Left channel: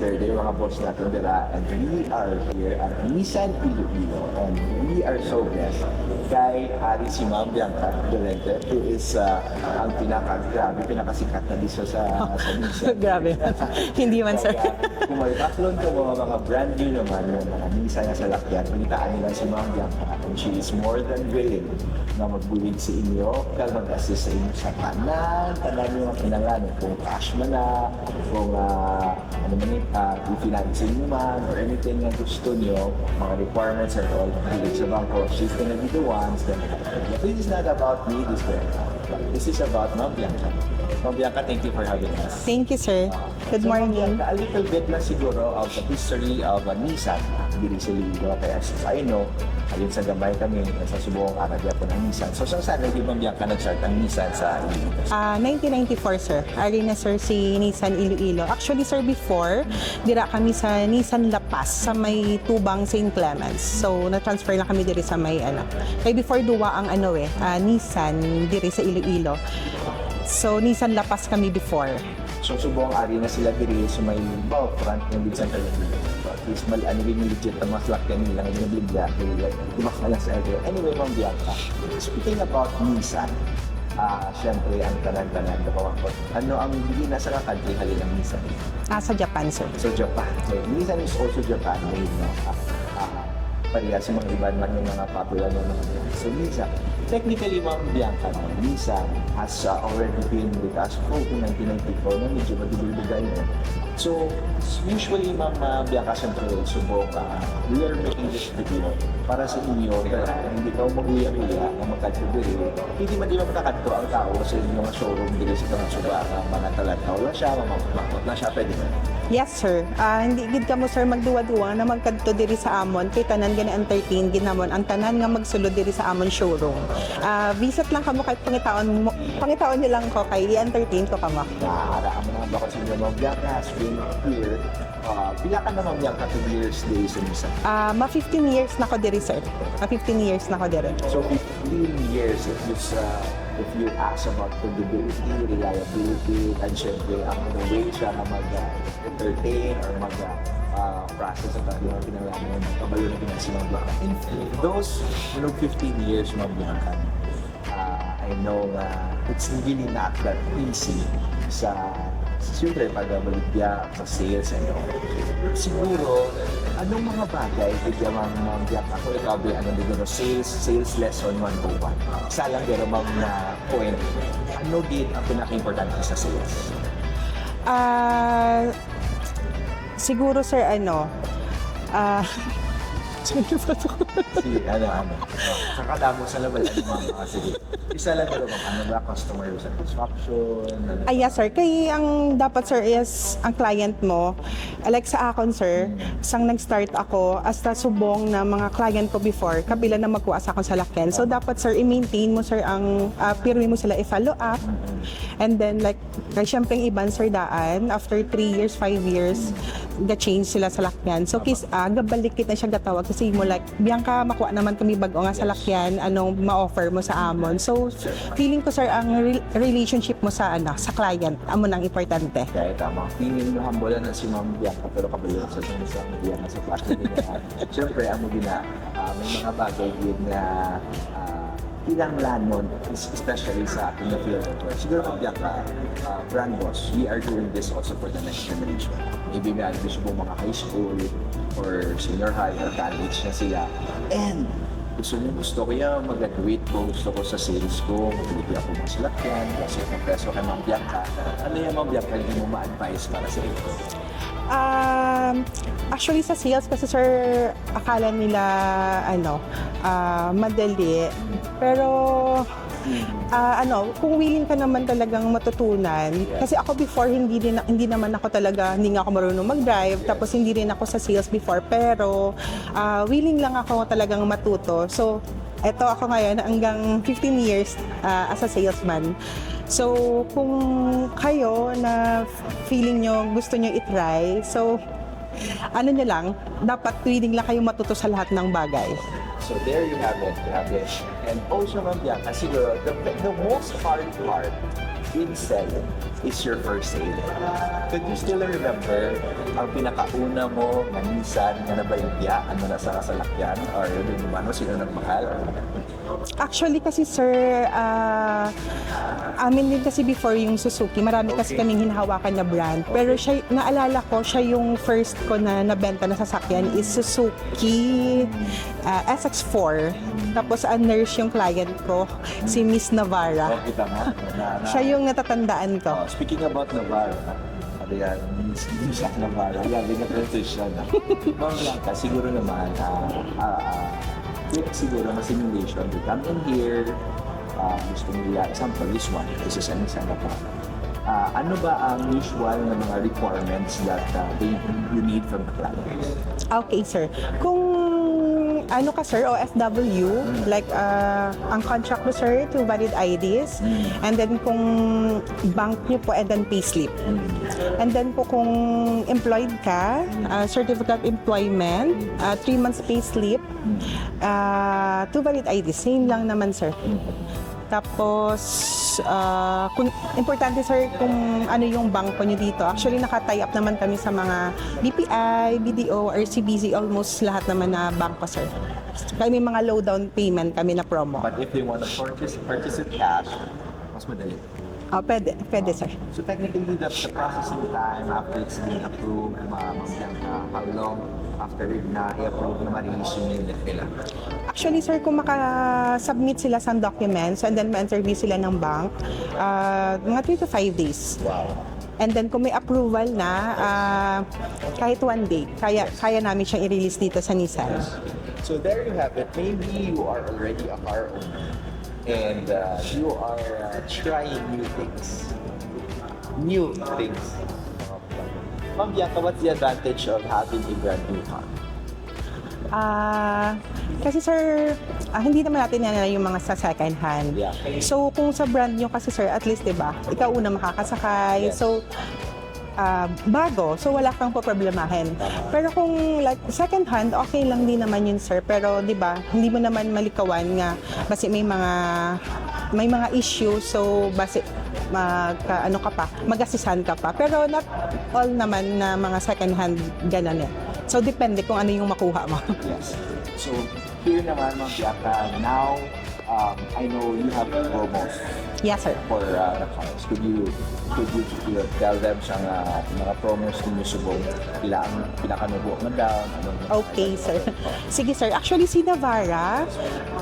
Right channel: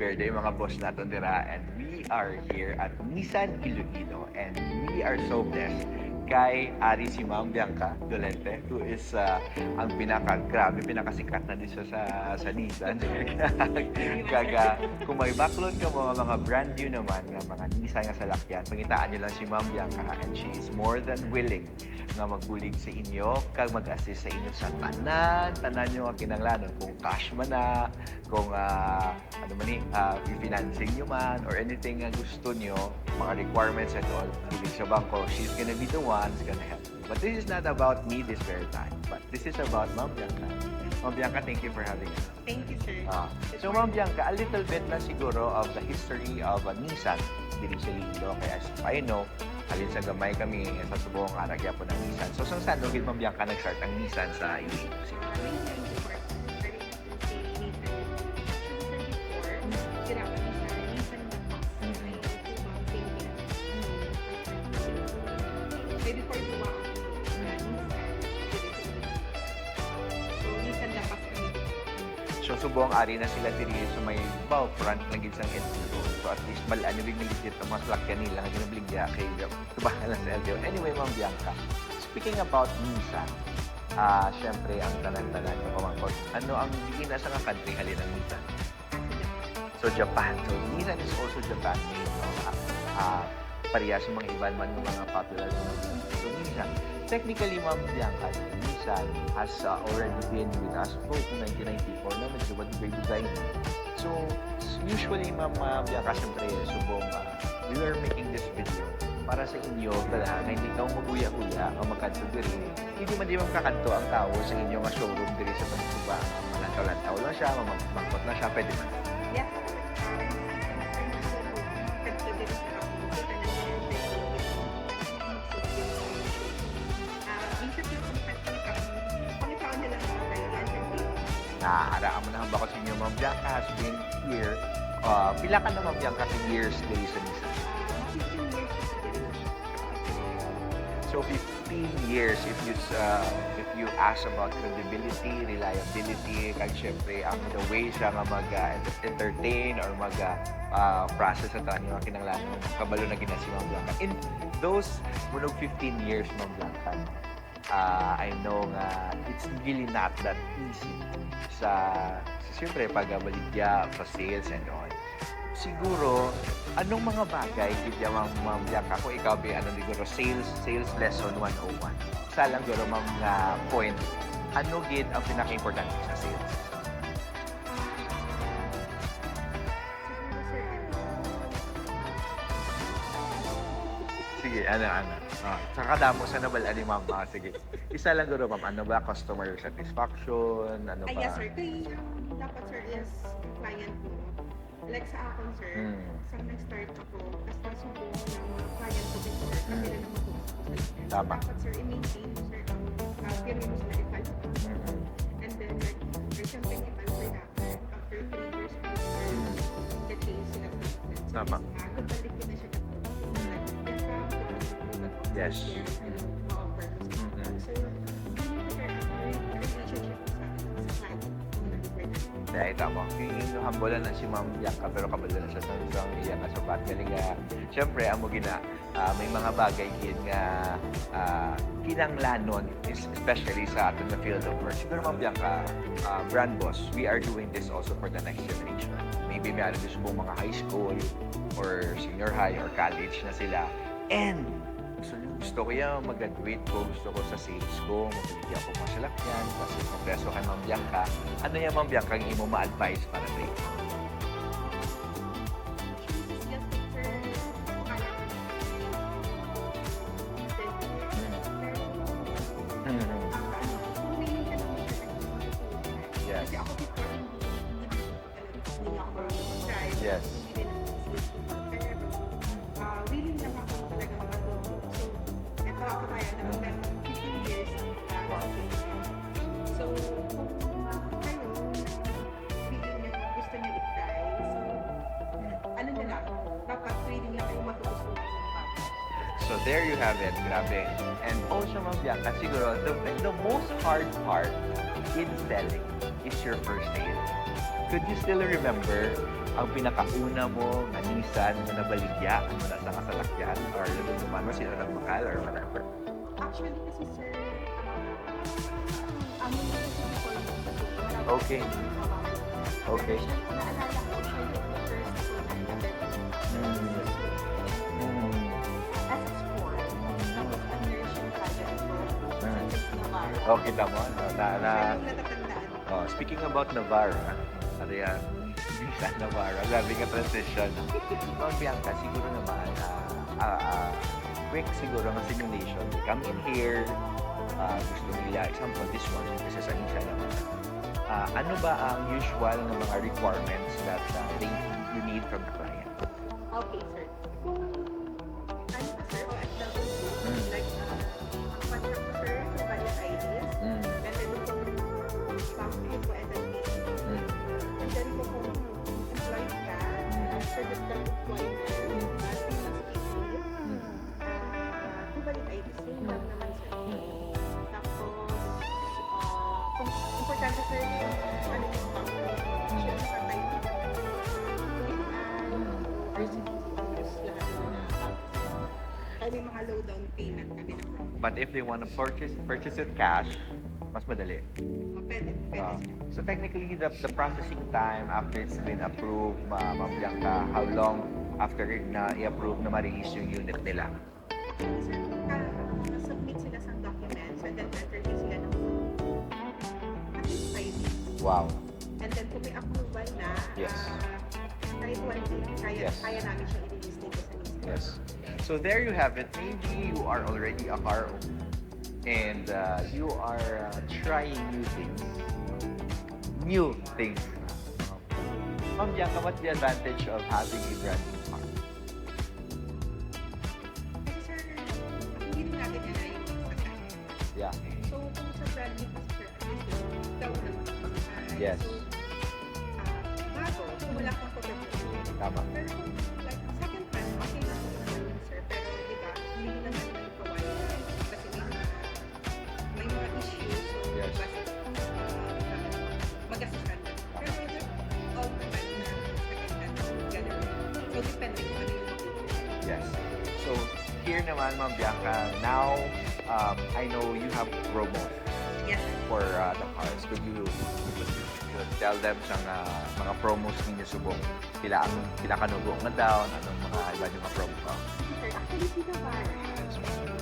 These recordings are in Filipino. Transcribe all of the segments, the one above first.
Verde, mga boss natin dira, and we are here at Nissan Iloilo, and we are so blessed kay Ari si Ma'am Bianca Dolente, who is ang pinakasikat na dito sa Nissan. Grabe. Hindi man, sir. Kung may backlog ka mga brand new naman, ng mga Nissan na salakyan, pagitaan niyo lang si Ma'am Bianca, and she is more than willing na magbulig sa inyo, kag mag-assist sa inyo sa tanan nyo ang kinalanon, kung cash man na, kung i-financing nyo man, or anything na gusto nyo, mga requirements and all, hilig sa bangko, she's gonna be the one. But this is not about me, this very time. But this is about Ma'am Bianca. Ma'am Bianca, thank you for having us. Thank you, sir. Good So Ma'am morning. Bianca, a little bit na siguro of the history of Nissan dito sa Iloilo. Kaya as I know, alin sa gamay kami sa subong aragya po ng Nissan. So saan rin Ma'am Bianca nag-start ang Nissan sa Iloilo? 1994, sir. Ari na, sir, si Nissan Iloilo. Actually, sir, before, dira kami sa Nissan La Paz, sa may Tubang St. Clements. So, na-transfer lang kami diri sa may, kaya before duwa ang Nissan diri sa Iloilo. So, Nissan La Paz kami before. So subong ari na sila diri sa may front ng Gid Center. So at least rin legit ang mga slot kanila ng binibigya kay Kumala sa LTO. Anyway, Ma'am Bianca, speaking about Nissan, syempre ang tanan-tanan na pawakot. Ano ang hindi nasa country kanilang Nissan? Sa Japan, sir. So Japan. So Nissan is also Japan made, no? Parehas sa mga iba man ng mga popular no? So Nissan, technically Ma'am Bianca, Nissan has already been with us from 1994 na medyo madibay-bigay. So usually Ma'am Bianca, syempre we are making this video para sa inyo na hindi ka maguya-guya ang magkatibiri. Hindi man di makakadto ang tao sa inyong showroom dito sa Tansuba. Mga talat-taw lang siya, makapot na siya, pwede ba? Yes, sir. Hindi gid ka mo, sir, magduwa-duwa na magkadto diri sa amon. Kay tanan gani entertain ginamon ang tanan nga magsulod diri sa amon showroom. Visit lang kamo kay pangitaon niyo lang ko kay i-entertain ko kamo. Nahara mo na bakit si Ma'am Bianca has been here. Pila ka na Ma'am Bianca 2 years days sa Nissan? 15 years na ko diri, sir. 15 years na ko diri. So 15 years if you ask about credibility, reliability, and syempre the way siya nga mag-entertain or mag-process at yung mga kinanglanon, kabalo na ginasi Ma'am Bianca. In those 15 years, Ma'am Bianca, I know it's really not that easy siyempre pag-baligya sa sales and all. Siguro, anong mga bagay kaya Ma'am Bianca, kung ikaw siguro sales lesson 101. Isa lang pero Ma'am na point, ano gid ang pinaka-importante sa sales? Siguro, sir, Sige, kakadamo sa level, Ma'am. Sige. Isa lang pero Ma'am, ano ba? Customer satisfaction? Ano ba? yes, sir. Kaya ang dapat, sir, is ang client mo. Like sa akon, sir, isang nag-start ako as subong na mga client ko before, kabila na magkuha sa akong salakyan. So, dapat, sir, i-maintain mo, sir, ang pirmi mo sila i-follow up. And then, like, syempre, yung iban, sir, daan, after 3 years, 5 years, ga-change sila sa lakyan. So, gabalikit na siya gatawag kasi mo like, Bianca, makuha naman kami bago nga sa lakyan, anong ma-offer mo sa amon. So, feeling ko, sir, ang relationship mo sa client, amo nang importante. Kaya tama. Feeling no humble na si Ma'am Bianca pero kabalo sa isang iya nga sa partner nga. Siyempre, amo gina, may mga bagay yun nga kinanglanon, especially sa ating na field of work. Siguro Ma'am Bianca, brand boss, we are doing this also for the next generation. Maybe may alam gusto mga high school or senior high or college na sila. And gusto ko yan mag-graduate ko, gusto ko sa sales ko, mag-graduate ako mga salakyan, kasi magpreso kay Ma'am Bianca. Ano yung Ma'am Bianca hindi mo ma-advise para sa iyo? Actually, sa sales kasi, sir, akala nila, madali. Pero, kung willing ka naman talagang matutunan, kasi ako before, hindi naman ako talaga, hindi nga ako marunong mag-drive, tapos hindi rin ako sa sales before, pero willing lang ako talagang matuto. So, eto ako ngayon hanggang 15 years as a salesman. So, kung kayo na feeling nyo, gusto nyo i-try, so, nyo lang, dapat willing lang kayo matuto sa lahat ng bagay. So there you have it, grabe. And also Ma'am Bianca, siguro the most hard part in selling is your first sale. Could you still remember ang pinakauna mo na Nissan na nabaligyan mo na sa kasalakyan or ano, sino nagmahal or Actually kasi sir, amin din kasi before yung Suzuki, marami kasi Okay. kaming hinahawakan na brand. Pero siya, naalala ko, siya yung first ko na nabenta na sasakyan is Suzuki SX4. Tapos nurse yung client ko, si Miss Navarra. kita mo? Siya yung natatandaan ko. Speaking about Navarra, ano yan, Miss Navarra, grabe nga transition. Ma'am Bianca, siguro naman, quick siguro na simulation. You come in here, gusto nila, example, this one, this is an example. Ano ba ang usual na mga requirements that you need from the client? Okay, sir. Kung ano ka, sir, OFW, like ang contract mo, sir, to valid IDs, and then kung bank niyo po, and then payslip. And then po kung employed ka, certificate of employment, 3 months payslip, to valid IDs, same lang naman, sir. Tapos, kung importante sir kung ano yung bangko niyo dito. Actually, naka-tie up naman kami sa mga BPI, BDO, RCBC, almost lahat naman na bangko sir. Kaya may mga low down payment kami na promo. But if they want to purchase it cash, mas madali. Pwede sir. So technically, the processing time after it's been approved, Ma'am Bianca, how long after na i-approve na ma-release yung unit nila? Actually, sir, kung maka-submit sila sa documents and then ma-interview sila ng bank, mga 3 to 5 days. Wow. And then kung may approval na, kahit 1 day, kaya namin siyang i-release dito sa Nissan. So there you have it. Maybe you are already a car owner and you are trying new things. New things. Ma'am Bianca, what's the advantage of having a brand new car? Kasi sir, hindi naman natin yan yung mga sa second hand. Yeah. So kung sa brand nyo kasi sir, at least 'di ba, ikaw una makakasakay. Yes. So bago, so wala kang poproblemahin. Tama. Pero kung like second hand, okay lang din naman yun sir. Pero 'di ba, hindi mo naman malikawan nga kasi may mga issue, so base mag-asisan ka pa. Pero not all naman na mga second hand ganun eh. So depende kung ano yung makuha mo. Yes. So here naman, Ma'am Bianca, now I know you have promos Yes sir. for the cars. Could you tell them siyang mga promos ninyo subong pila ang pinakanubo man down? Okay, sir. Sige, sir. Actually, si Navarra,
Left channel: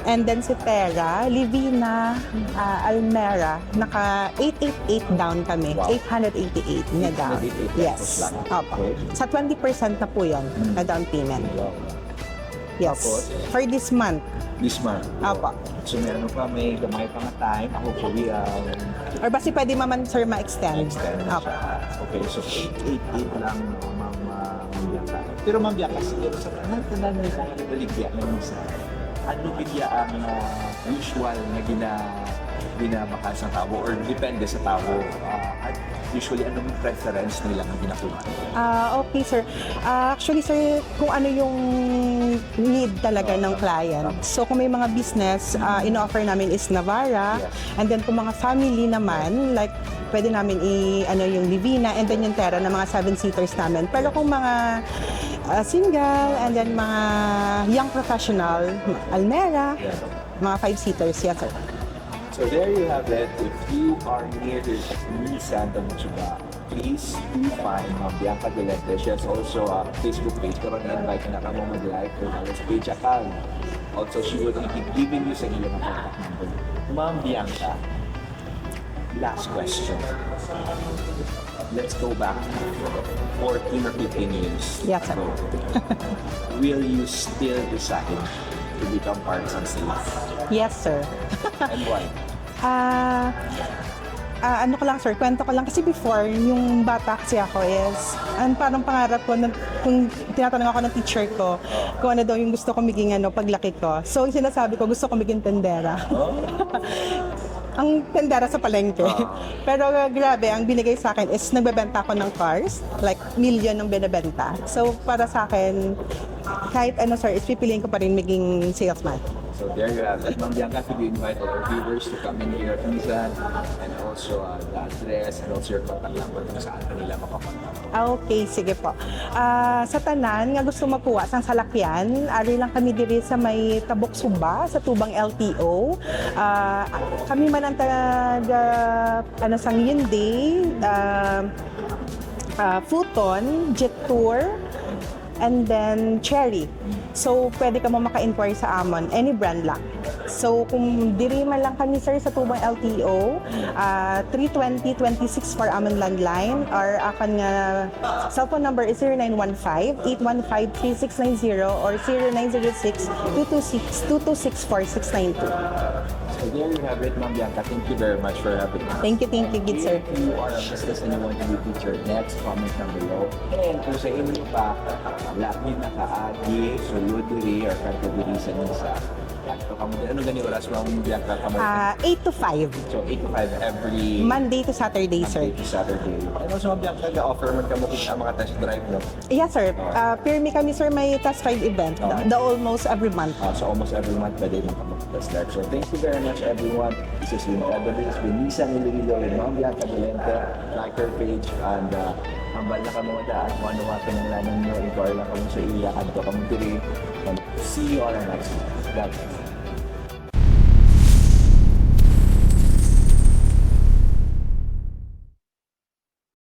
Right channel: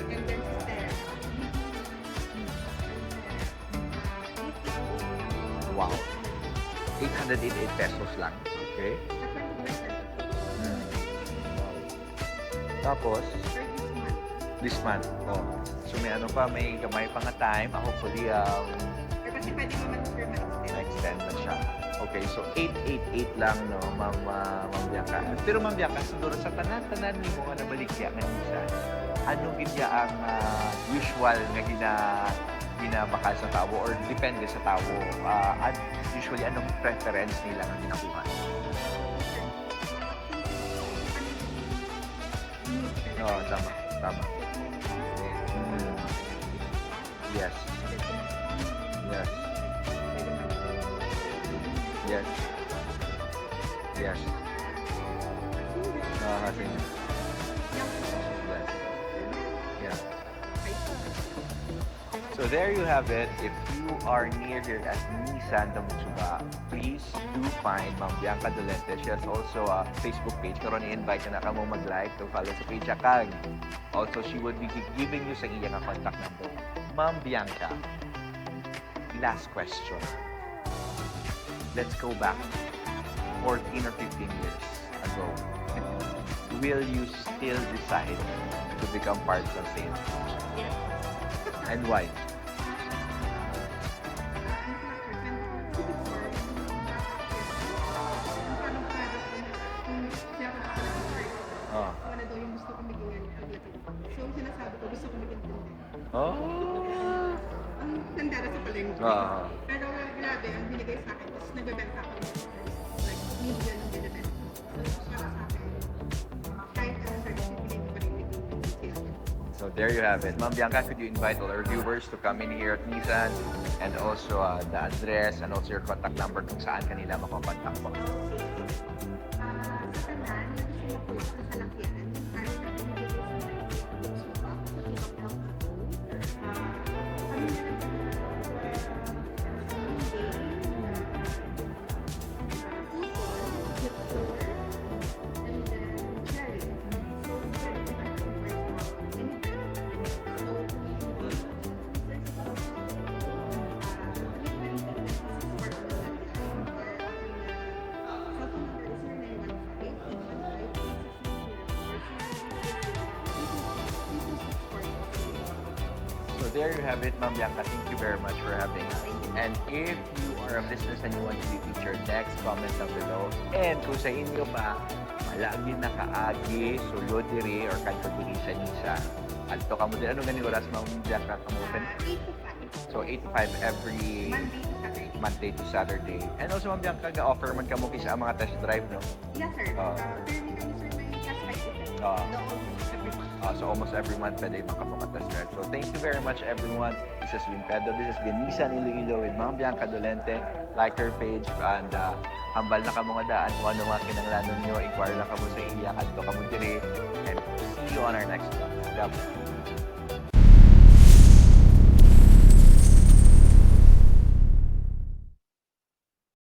and then si Terra, Livina, Almera, naka 888 down kami. Wow. 888 na down. 888 pesos lang. Opo. Okay. Sa 20% na po yan, na down payment. Yes. Tapos? For this month. This month. Opo. So may may gamay pa nga time. Hopefully, Or basi pwede maman, sir, ma-extend. extend na Opo. siya. Okay, so 888 lang, no, Ma'am Bianca. Pero Ma'am Bianca, siguro sa tanan mo kung ano baligya ng isa, ano bigya ang usual na binabakal sa tao or depende sa tao? At usually, anong preference nila na ginakuha? Okay, sir. Actually, sir, kung ano yung need talaga ng client. So, kung may mga business, ino-offer namin is Navarra. Yes. And then, kung mga family naman, like, pwede namin yung Livina and then yung Terra na mga 7-seaters namin. Pero Yes. kung mga single and then mga young professional, Almera, Yes. mga 5-seaters, yes, sir. So there you have it. If you are near here at Nissan Tamuchuba, please do find Ma'am Bianca Dolente. She has also a Facebook page. Pero ni-invite na ka mo mag-like to follow sa page akag. Also, she would be giving you sa iyang contact number. Ma'am Bianca, last question. Let's go back 14 or 15 years Yes, sir. ago. Will you still decide to become parts and sales? Yes, sir. And why? Ano ko lang sir, kwento ko lang kasi before, yung bata kasi ako is, parang pangarap ko, kung tinatanong ako ng teacher ko, kung ano daw yung gusto ko maging paglaki ko. So, yung sinasabi ko, gusto ko maging tendera. Oh? Ang tendera sa palengke. Ah. Pero grabe, ang binigay sa akin is nagbebenta ako ng cars, like million ang binibenta. So, para sa akin, kahit ano sir, is pipiliin ko pa rin maging salesman. So there you have it. Ma'am Bianca, could you invite all our viewers to come in here at Nissan and also the address and also your contact number kung saan kanila makakontak po. Okay, sige po. Sa tanan nga gusto mapuwa sang salakyan, ari lang kami diri sa may Tabok Sumba sa Tubang LTO. Kami man ang taga sang Hyundai, Futon, Jet Tour, and then Cherry. So, pwede ka mo maka-inquire sa amon, any brand lang. So, kung diri man lang kami sir sa Tubang LTO, 320-26 for amon landline, or akan nga cellphone number is 0915-815-3690 or 0906-226-464692. So there you have it, Ma'am Bianca. Thank you very much for having us. Thank you, And good sir. if you are a business and you want to be featured next, comment down below. And kung sa inyo pa, lagi nakaagi, sulod diri, or kadto sa Nisa, adto ka mo din. Ano gani oras, Ma'am Bianca? 8 to 5, So 8 to 5 every Monday to Saturday, sir. Monday to Saturday. And also, Ma'am Bianca, na-offer man ka mo kita mga test drive, no? Yes, sir. Pirmi kami, sir, may test drive event. The almost every month. So almost every month, pwede lang ka makatest drive. So thank you very much, everyone. This is Wincado. This is Nissan Iloilo with Ma'am Bianca Dolente. Like her page and hambal na ka mga daan. Kung ano mga kinanglanan nyo, inquire lang ka mo sa iya, adto ka mo diri. And see you on our next vlog.